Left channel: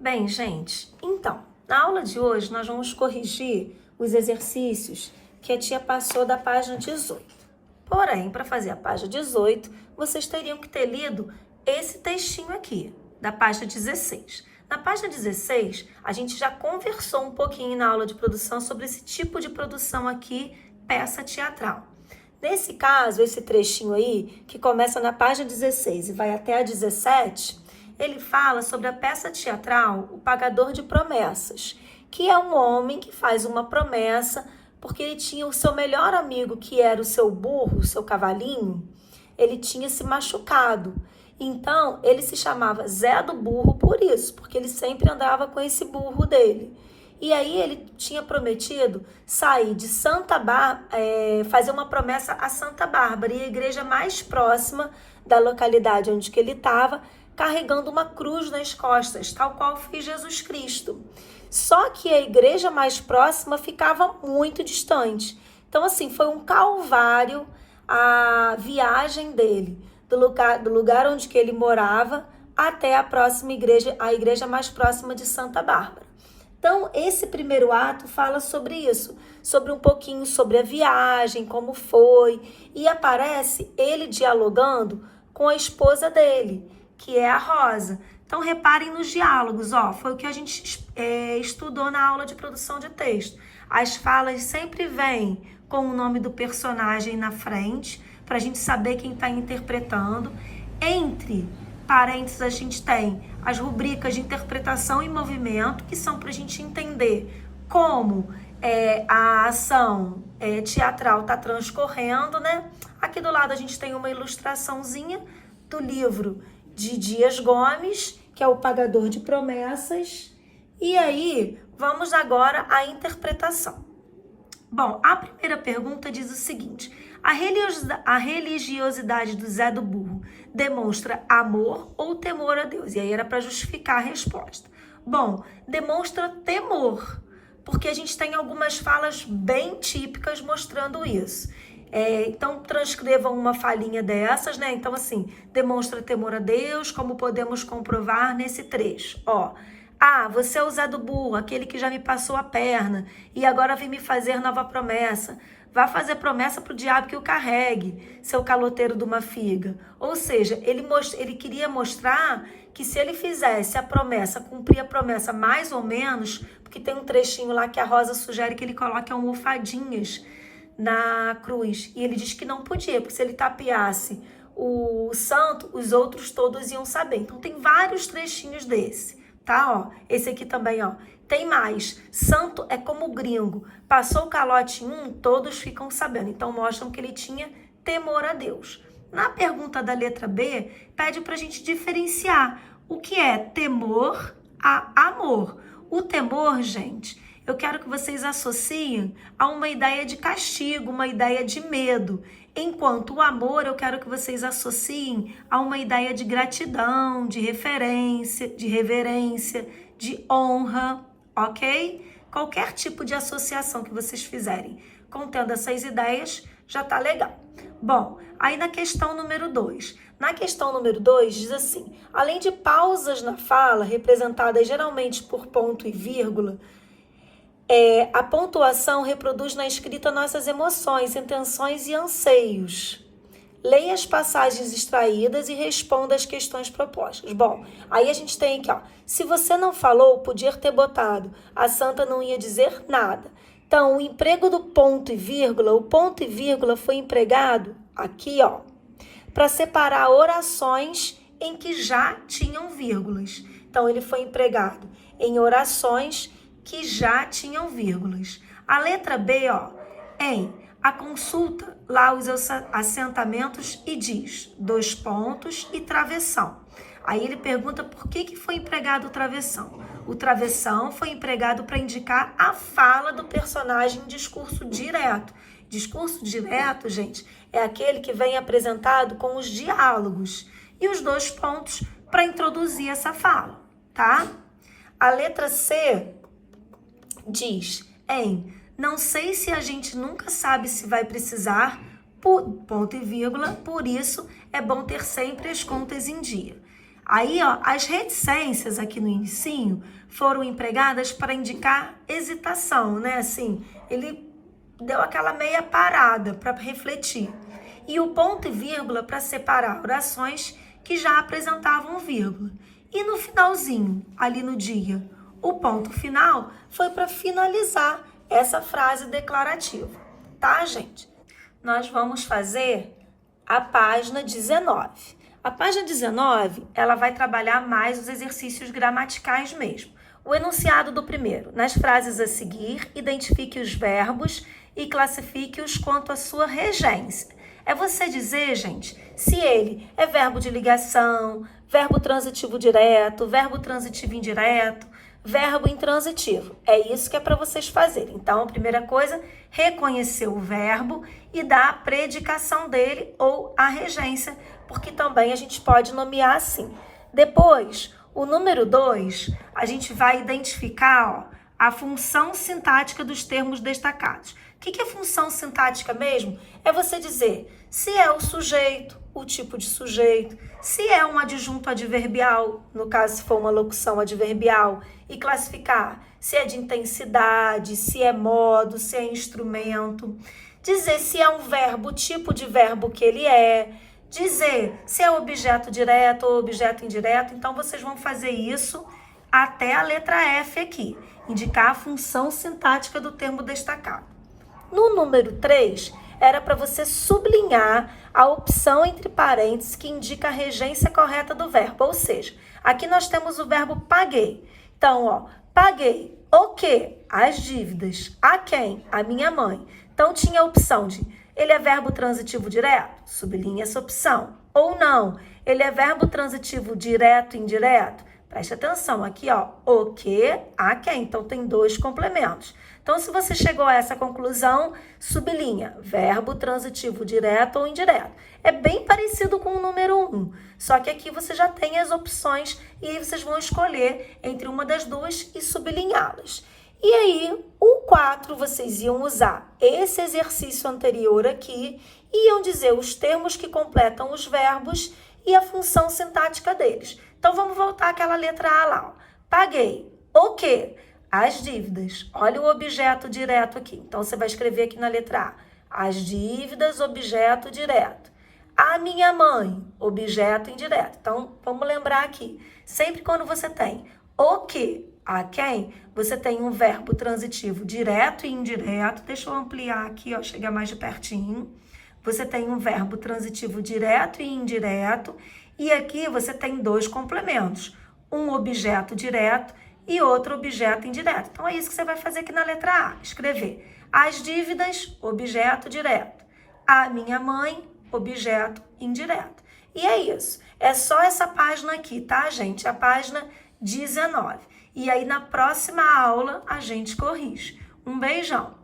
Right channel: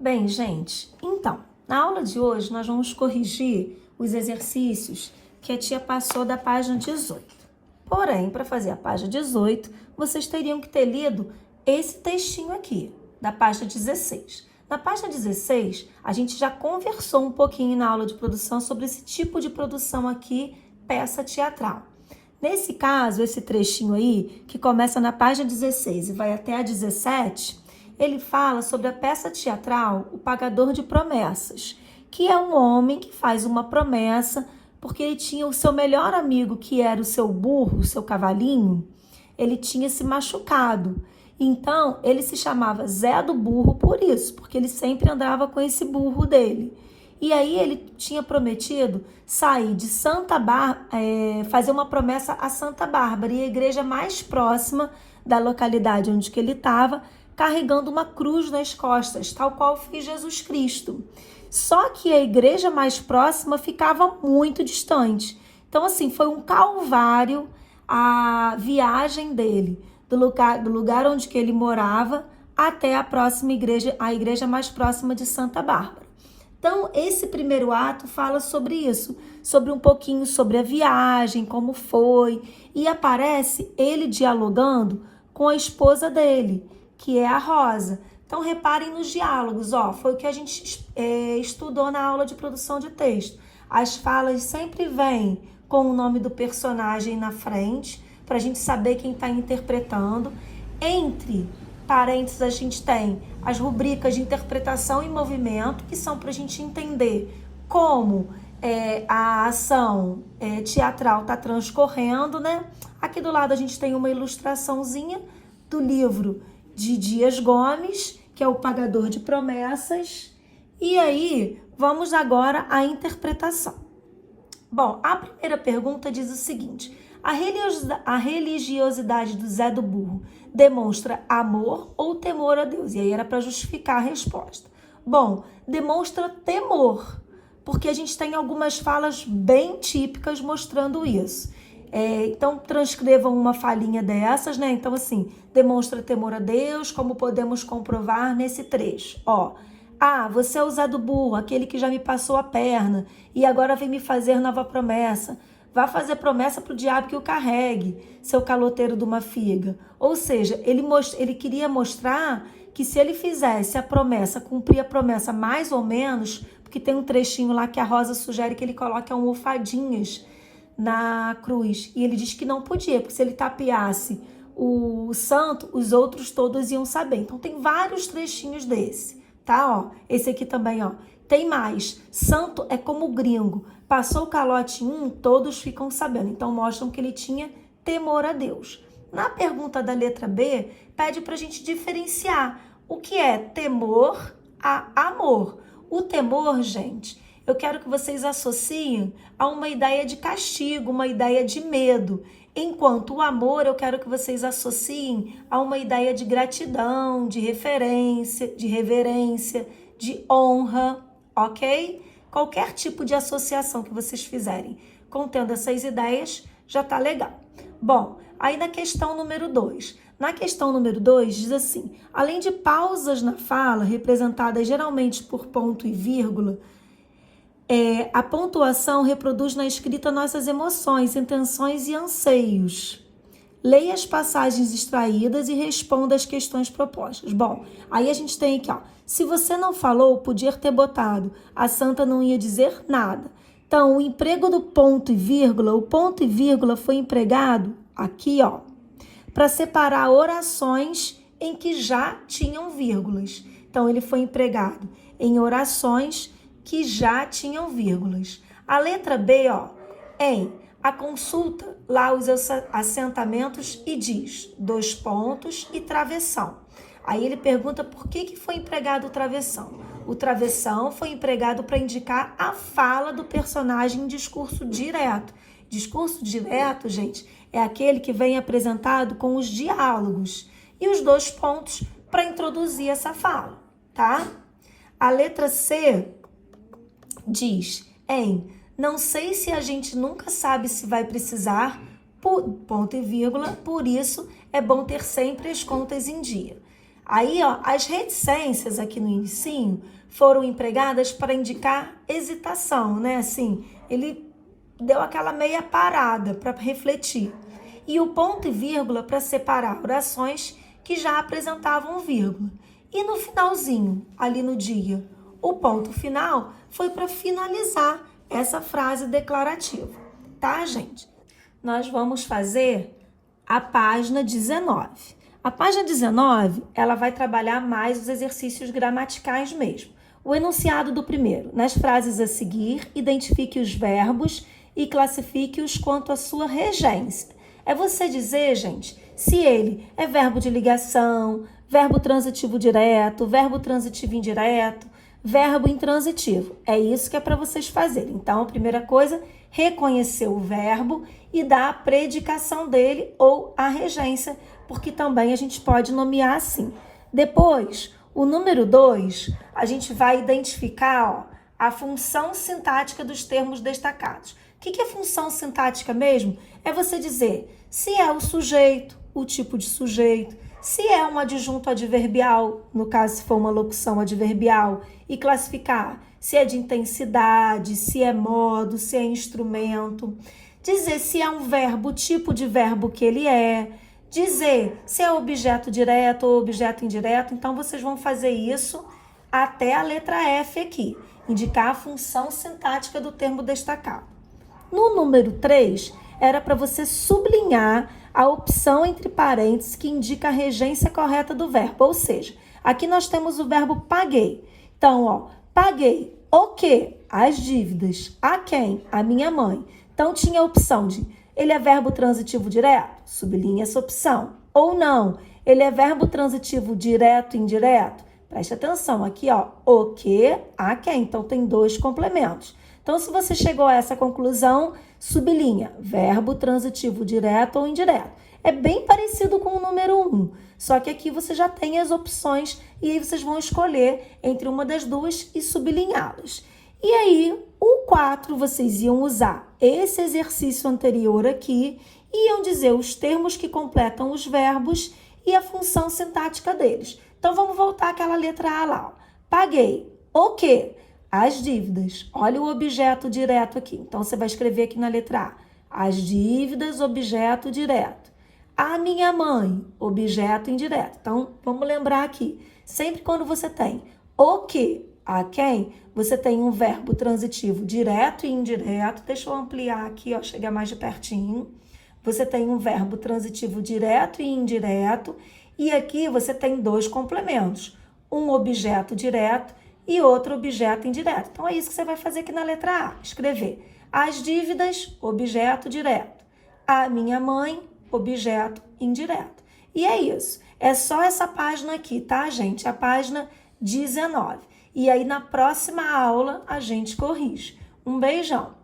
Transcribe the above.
Bem, gente, então, na aula de hoje nós vamos corrigir os exercícios que a tia passou da página 18. Porém, para fazer a página 18, vocês teriam que ter lido esse textinho aqui, da página 16. Na página 16, a gente já conversou um pouquinho na aula de produção sobre esse tipo de produção aqui, peça teatral. Nesse caso, esse trechinho aí, que começa na página 16 e vai até a 17, ele fala sobre a peça teatral O Pagador de Promessas, que é um homem que faz uma promessa porque ele tinha o seu melhor amigo, que era o seu burro, o seu cavalinho, ele tinha se machucado. Então, ele se chamava Zé do Burro por isso, porque ele sempre andava com esse burro dele. E aí ele tinha prometido sair de Santa Bárbara, fazer uma promessa a Santa Bárbara, e a igreja mais próxima da localidade onde que ele estava, carregando uma cruz nas costas, tal qual fez Jesus Cristo. Só que a igreja mais próxima ficava muito distante. Então, assim, foi um calvário a viagem dele, do lugar onde que ele morava até a próxima igreja, a igreja mais próxima de Santa Bárbara. Então, esse primeiro ato fala sobre isso, sobre um pouquinho sobre a viagem, como foi, e aparece ele dialogando com a esposa dele, que é a Rosa. Então, reparem nos diálogos, foi o que a gente estudou na aula de produção de texto. As falas sempre vêm com o nome do personagem na frente, para a gente saber quem está interpretando. Entre parênteses, a gente tem as rubricas de interpretação e movimento, que são para a gente entender como a ação teatral está transcorrendo, né? Aqui do lado a gente tem uma ilustraçãozinha do livro de Dias Gomes, que é O Pagador de Promessas. E aí, vamos agora à interpretação. Bom, a primeira pergunta diz o seguinte: a religiosidade do Zé do Burro demonstra amor ou temor a Deus? E aí era para justificar a resposta. Bom, demonstra temor, porque a gente tem algumas falas bem típicas mostrando isso. Então, transcrevam uma falinha dessas, né? Então, assim, demonstra temor a Deus, como podemos comprovar nesse trecho. Você é o Zé do Burro, aquele que já me passou a perna e agora vem me fazer nova promessa. Vá fazer promessa para o diabo que o carregue, seu caloteiro de uma figa. Ou seja, ele queria mostrar que se ele fizesse a promessa, cumprir a promessa mais ou menos, porque tem um trechinho lá que a Rosa sugere que ele coloque almofadinhas na cruz, e ele diz que não podia, porque se ele tapeasse o santo, os outros todos iam saber. Então tem vários trechinhos desse, tá? Esse aqui também, tem mais. Santo é como gringo, passou o calote em um, todos ficam sabendo. Então mostram que ele tinha temor a Deus. Na pergunta da letra B, pede pra gente diferenciar o que é temor a amor. O temor, gente, eu quero que vocês associem a uma ideia de castigo, uma ideia de medo. Enquanto o amor, eu quero que vocês associem a uma ideia de gratidão, de referência, de reverência, de honra, ok? Qualquer tipo de associação que vocês fizerem contendo essas ideias, já tá legal. Bom, aí na questão número 2. Na questão número 2 diz assim: além de pausas na fala, representadas geralmente por ponto e vírgula, a pontuação reproduz na escrita nossas emoções, intenções e anseios. Leia as passagens extraídas e responda as questões propostas. Bom, aí a gente tem aqui, se você não falou, podia ter botado. A santa não ia dizer nada. Então, o emprego do ponto e vírgula, o ponto e vírgula foi empregado aqui, para separar orações em que já tinham vírgulas. Então, ele foi empregado em orações que já tinham vírgulas. A letra B, a consulta lá os assentamentos e diz 2 pontos e travessão. Aí ele pergunta por que foi empregado o travessão. O travessão foi empregado para indicar a fala do personagem em discurso direto. Discurso direto, gente, é aquele que vem apresentado com os diálogos. E os 2 pontos para introduzir essa fala, tá? A letra C diz não sei se a gente nunca sabe se vai precisar, ponto e vírgula, por isso é bom ter sempre as contas em dia. Aí, ó, as reticências aqui no inicinho foram empregadas para indicar hesitação, né? Assim, ele deu aquela meia parada para refletir. E o ponto e vírgula para separar orações que já apresentavam vírgula. E no finalzinho, ali no dia, o ponto final foi para finalizar essa frase declarativa, tá, gente? Nós vamos fazer a página 19. A página 19, ela vai trabalhar mais os exercícios gramaticais mesmo. O enunciado do primeiro. Nas frases a seguir, identifique os verbos e classifique-os quanto à sua regência. É você dizer, gente, se ele é verbo de ligação, verbo transitivo direto, verbo transitivo indireto, verbo intransitivo. É isso que é para vocês fazerem. Então, a primeira coisa, reconhecer o verbo e dar a predicação dele ou a regência, porque também a gente pode nomear assim. Depois, o número 2, a gente vai identificar, ó, a função sintática dos termos destacados. O que é função sintática mesmo? É você dizer se é o sujeito, o tipo de sujeito, se é um adjunto adverbial, no caso se for uma locução adverbial, e classificar se é de intensidade, se é modo, se é instrumento, dizer se é um verbo, o tipo de verbo que ele é, dizer se é objeto direto ou objeto indireto. Então, vocês vão fazer isso até a letra F aqui, indicar a função sintática do termo destacado. No número 3, era para você sublinhar a opção entre parênteses que indica a regência correta do verbo. Ou seja, aqui nós temos o verbo paguei. Então, ó, paguei o quê? As dívidas. A quem? A minha mãe. Então, tinha a opção de ele é verbo transitivo direto? Sublinha essa opção. Ou não, ele é verbo transitivo direto e indireto? Preste atenção, aqui, ó, o que, a quem. Então, tem 2 complementos. Então, se você chegou a essa conclusão, sublinha verbo transitivo direto ou indireto. É bem parecido com o número 1, só que aqui você já tem as opções e aí vocês vão escolher entre uma das duas e sublinhá-las. E aí, o 4, vocês iam usar esse exercício anterior aqui e iam dizer os termos que completam os verbos e a função sintática deles. Então, vamos voltar àquela letra A lá. Ó. Paguei. O quê? As dívidas. Olha o objeto direto aqui. Então, você vai escrever aqui na letra A. As dívidas, objeto direto. A minha mãe, objeto indireto. Então, vamos lembrar aqui. Sempre quando você tem o que, a quem, você tem um verbo transitivo direto e indireto. Deixa eu ampliar aqui, ó, chegar mais de pertinho. Você tem um verbo transitivo direto e indireto. E aqui você tem 2 complementos. Um objeto direto e outro objeto indireto. Então, é isso que você vai fazer aqui na letra A. Escrever as dívidas, objeto direto. A minha mãe, objeto indireto. E é isso. É só essa página aqui, tá, gente? A página 19. E aí, na próxima aula, a gente corrige. Um beijão!